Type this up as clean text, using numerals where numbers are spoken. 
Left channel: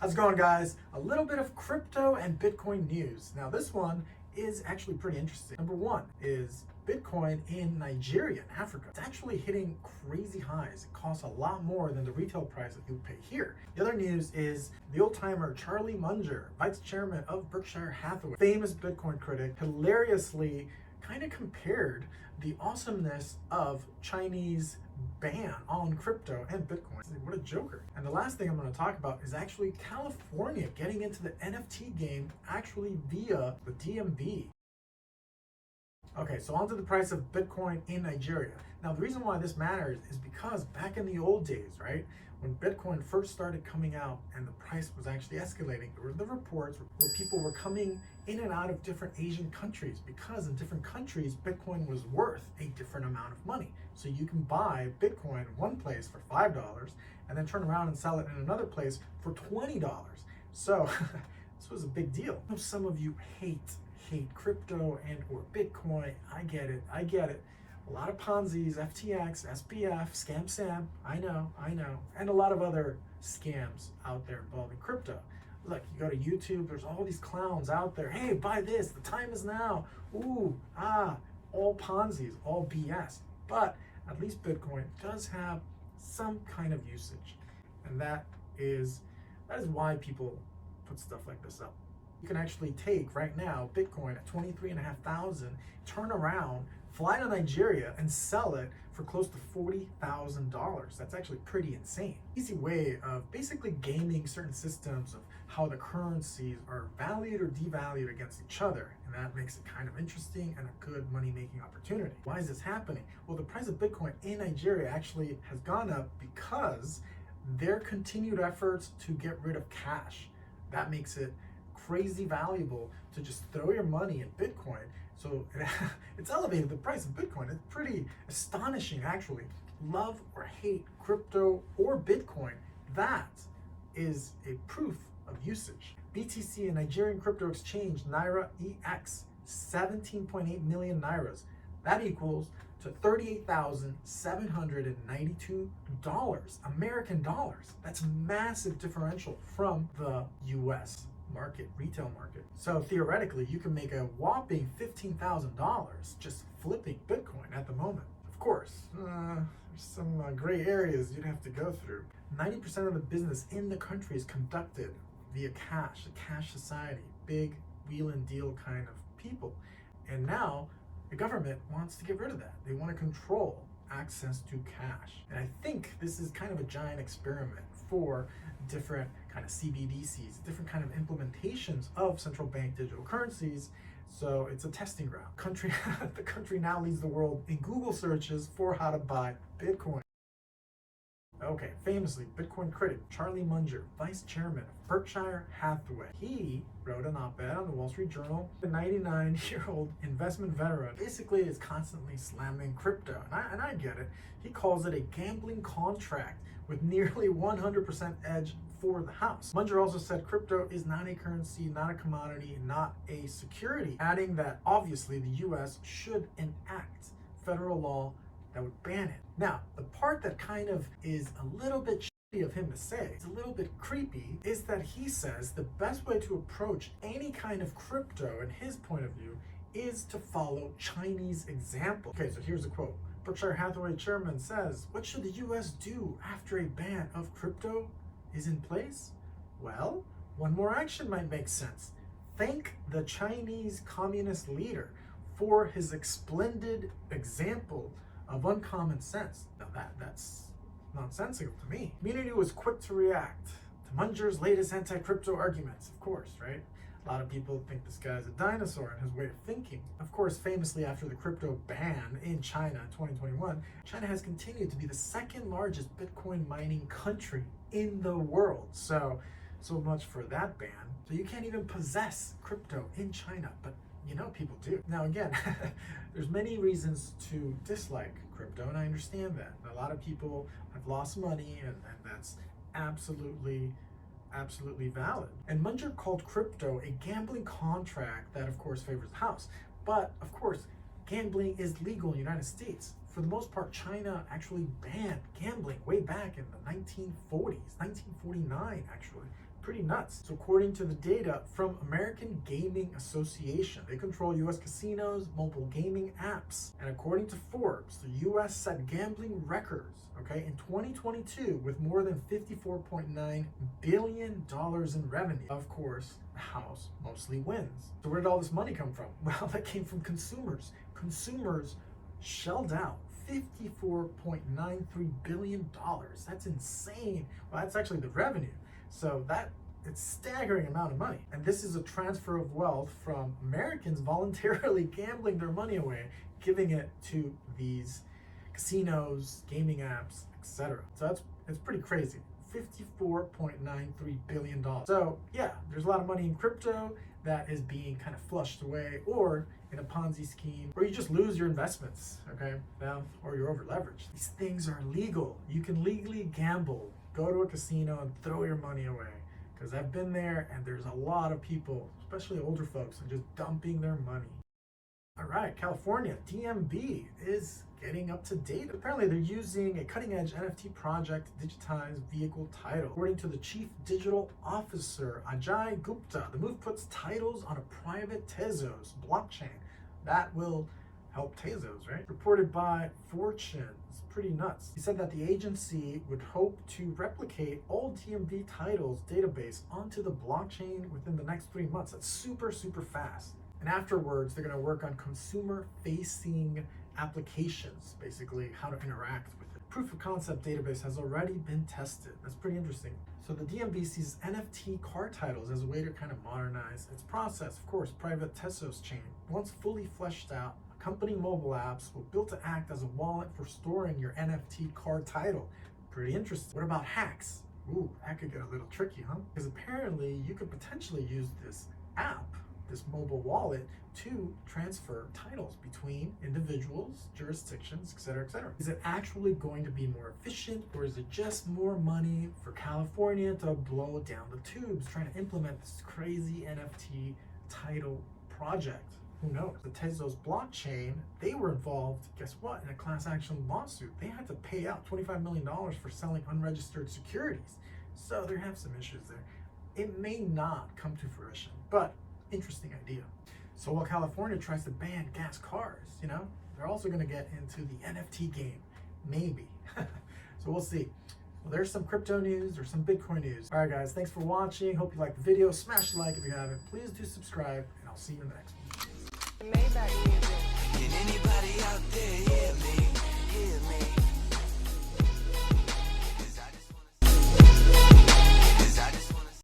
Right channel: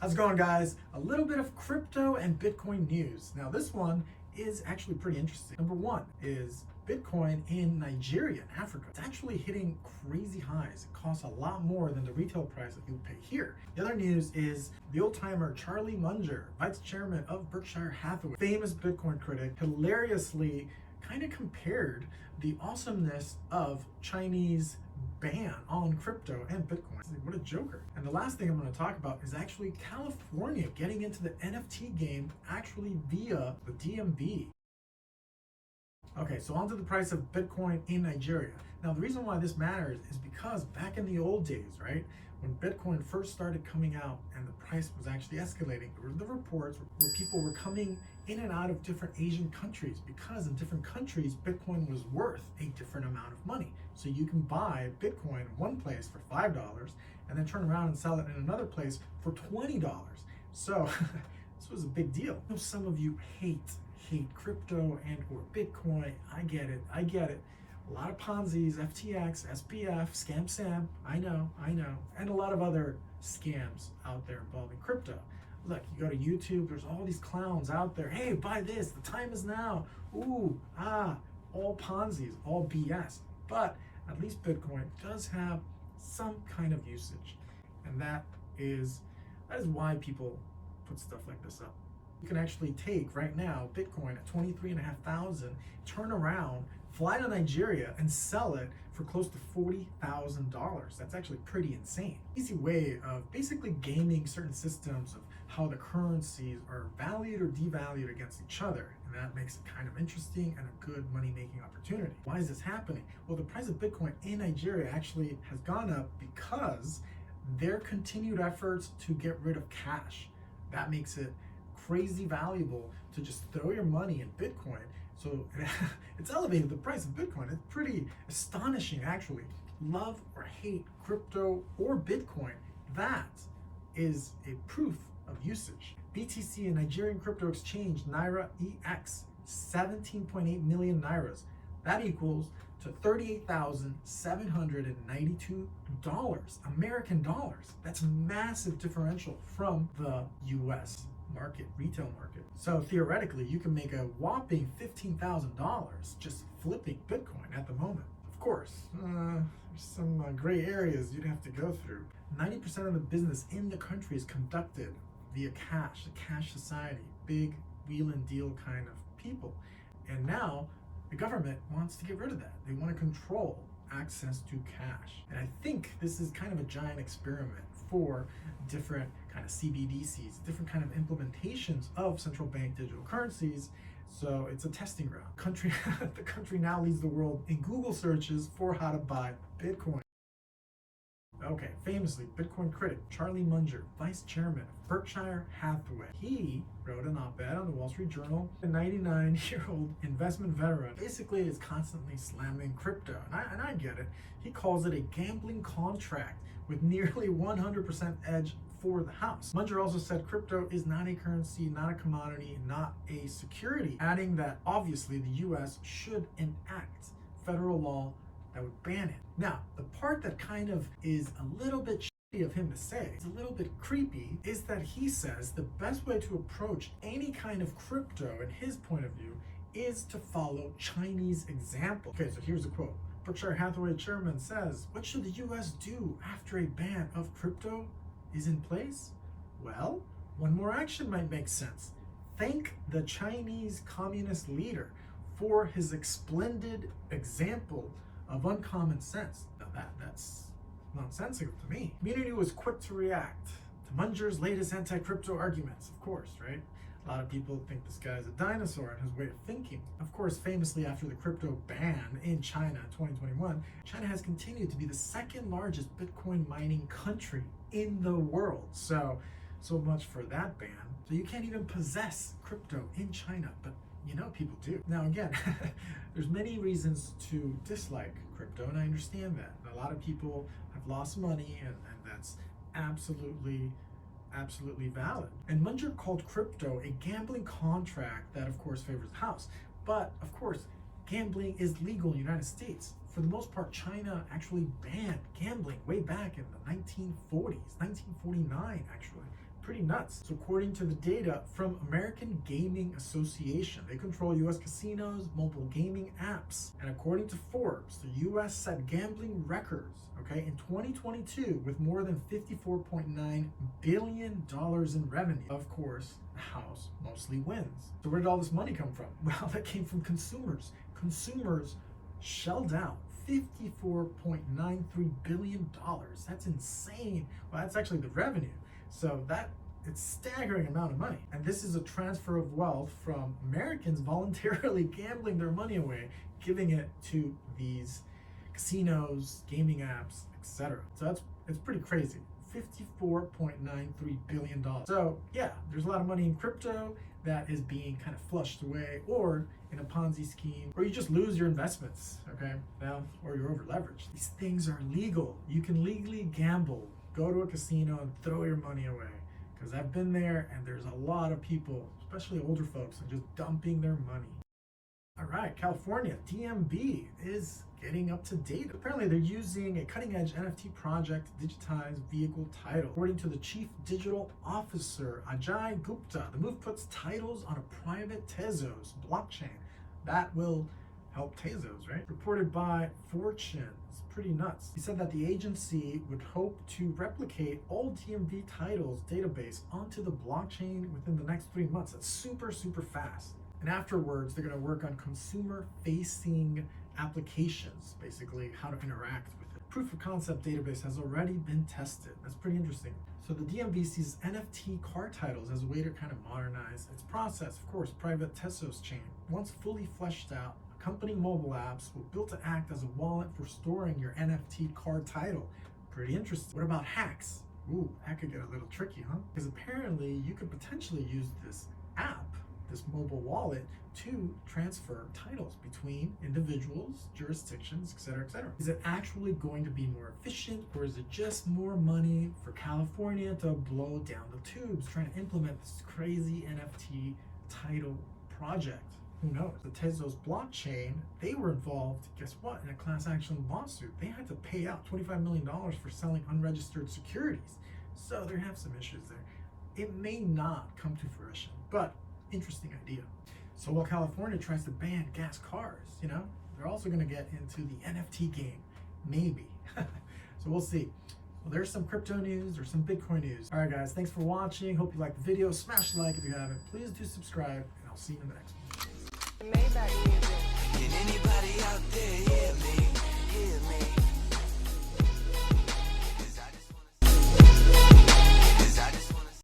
How's it going, guys? A little bit of crypto and Bitcoin news. Now, this one is actually pretty interesting. Number one is Bitcoin in Nigeria and Africa. It's actually hitting crazy highs. It costs a lot more than the retail price that you pay here. The other news is the old timer Charlie Munger, vice chairman of Berkshire Hathaway, famous Bitcoin critic, hilariously kind of compared the awesomeness of Chinese ban on crypto and Bitcoin. What a joker. And the last thing I'm going to talk about is actually California getting into the NFT game actually via the DMV. Okay, so onto the price of Bitcoin in Nigeria. Now, the reason why this matters is because back in the old days, right, when Bitcoin first started coming out and the price was actually escalating, there were the reports where people were coming in and out of different Asian countries because in different countries, Bitcoin was worth a different amount of money. So you can buy Bitcoin in one place for $5 and then turn around and sell it in another place for $20. So this was a big deal. I know some of you hate crypto and or Bitcoin. I get it. A lot of ponzis, FTX, SPF, Scam Sam, I know, and a lot of other scams out there involving crypto. Look, you go to YouTube, there's all these clowns out there. Hey, buy this, the time is now. Ooh, all ponzis, all BS. But at least Bitcoin does have some kind of usage. And that is why people put stuff like this up. You can actually take right now Bitcoin at 23,500, turn around, fly to Nigeria and sell it for close to $40,000. That's actually pretty insane. Easy way of basically gaming certain systems of how the currencies are valued or devalued against each other. And that makes it kind of interesting and a good money-making opportunity. Why is this happening? Well, the price of Bitcoin in Nigeria actually has gone up because their continued efforts to get rid of cash. That makes it crazy valuable to just throw your money in Bitcoin. So it's elevated the price of Bitcoin. It's pretty astonishing, actually. Love or hate crypto or Bitcoin, that is a proof of usage. BTC, a Nigerian crypto exchange, Naira EX, 17.8 million Nairas. That equals to $38,792 American dollars. That's a massive differential from the US market, retail market. So theoretically, you can make a whopping $15,000 just flipping Bitcoin at the moment. Of course, there's some gray areas you'd have to go through. 90% of the business in the country is conducted via cash, a cash society, big wheel and deal kind of people. And now the government wants to get rid of that. They want to control access to cash. And I think this is kind of a giant experiment for different kind of CBDCs, different kind of implementations of central bank digital currencies. So it's a testing ground. The country now leads the world in Google searches for how to buy Bitcoin. Okay, famously, Bitcoin critic Charlie Munger, vice chairman of Berkshire Hathaway. He wrote an op-ed on the Wall Street Journal. The 99-year-old investment veteran basically is constantly slamming crypto. And I get it. He calls it a gambling contract with nearly 100% edge for the house. Munger also said crypto is not a currency, not a commodity, not a security, adding that obviously the US should enact federal law that would ban it. Now, the part that kind of is a little bit shitty of him to say, it's a little bit creepy, is that he says the best way to approach any kind of crypto, in his point of view, is to follow Chinese example. Okay, so here's a quote. Berkshire Hathaway chairman says, what should the US do after a ban of crypto is in place? Well, one more action might make sense. Thank the Chinese communist leader for his splendid example of uncommon sense. Now that's nonsensical to me. Community was quick to react to Munger's latest anti-crypto arguments, of course, right? A lot of people think this guy's a dinosaur in his way of thinking. Of course, famously after the crypto ban in China in 2021, China has continued to be the second largest Bitcoin mining country in the world. So much for that ban. So you can't even possess crypto in China, but you know people do. Now again, there's many reasons to dislike crypto, and I understand that. A lot of people have lost money, and that's absolutely valid. And Munger called crypto a gambling contract that of course favors the house. But of course, gambling is legal in the United States. For the most part, China actually banned gambling way back in the 1940s, 1949 actually. Pretty nuts. So according to the data from American Gaming Association, they control U.S. casinos, mobile gaming apps. And according to Forbes, the U.S. set gambling records, okay, in 2022 with more than $54.9 billion in revenue. Of course, the house mostly wins. So where did all this money come from? Well, that came from consumers. Consumers shelled out $54.93 billion. That's insane. Well, that's actually the revenue. So it's a staggering amount of money. And this is a transfer of wealth from Americans voluntarily gambling their money away, giving it to these casinos, gaming apps, etc. So it's pretty crazy. $54.93 billion. So yeah, there's a lot of money in crypto that is being kind of flushed away, or in a Ponzi scheme, or you just lose your investments, okay? Now, or you're over leveraged. These things are legal. You can legally gamble. Go to a casino and throw your money away. Because I've been there, and there's a lot of people, especially older folks, just dumping their money. All right, California, DMV is getting up to date. Apparently, they're using a cutting-edge NFT project to digitize vehicle title. According to the chief digital officer, Ajay Gupta, the move puts titles on a private Tezos blockchain. That will help Tezos, right? Reported by Fortune. It's pretty nuts. He said that the agency would hope to replicate old DMV titles database onto the blockchain within the next 3 months. It's super, super fast. And afterwards, they're going to work on consumer-facing applications, basically how to interact with it. Proof of concept database has already been tested. That's pretty interesting. So the DMV sees NFT car titles as a way to kind of modernize its process. Of course, private Tezos chain. Once fully fleshed out, accompanying mobile apps will built to act as a wallet for storing your NFT car title. Pretty interesting. What about hacks? Ooh, that could get a little tricky, huh? Because apparently you could potentially use this app, this mobile wallet, to transfer titles between individuals, jurisdictions, etc., etc. Is it actually going to be more efficient, or is it just more money for California to blow down the tubes trying to implement this crazy NFT title project? Who knows? The Tezos blockchain, they were involved, guess what, in a class action lawsuit. They had to pay out $25 million for selling unregistered securities. So there have some issues there. It may not come to fruition, but interesting idea. So while California tries to ban gas cars, they're also going to get into the NFT game, maybe. So we'll see. Well, there's some crypto news, there's some Bitcoin news. All right, guys, thanks for watching. Hope you liked the video. Smash the like if you haven't. Please do subscribe, and I'll see you in the next one. Can anybody out there hear me? Hear me?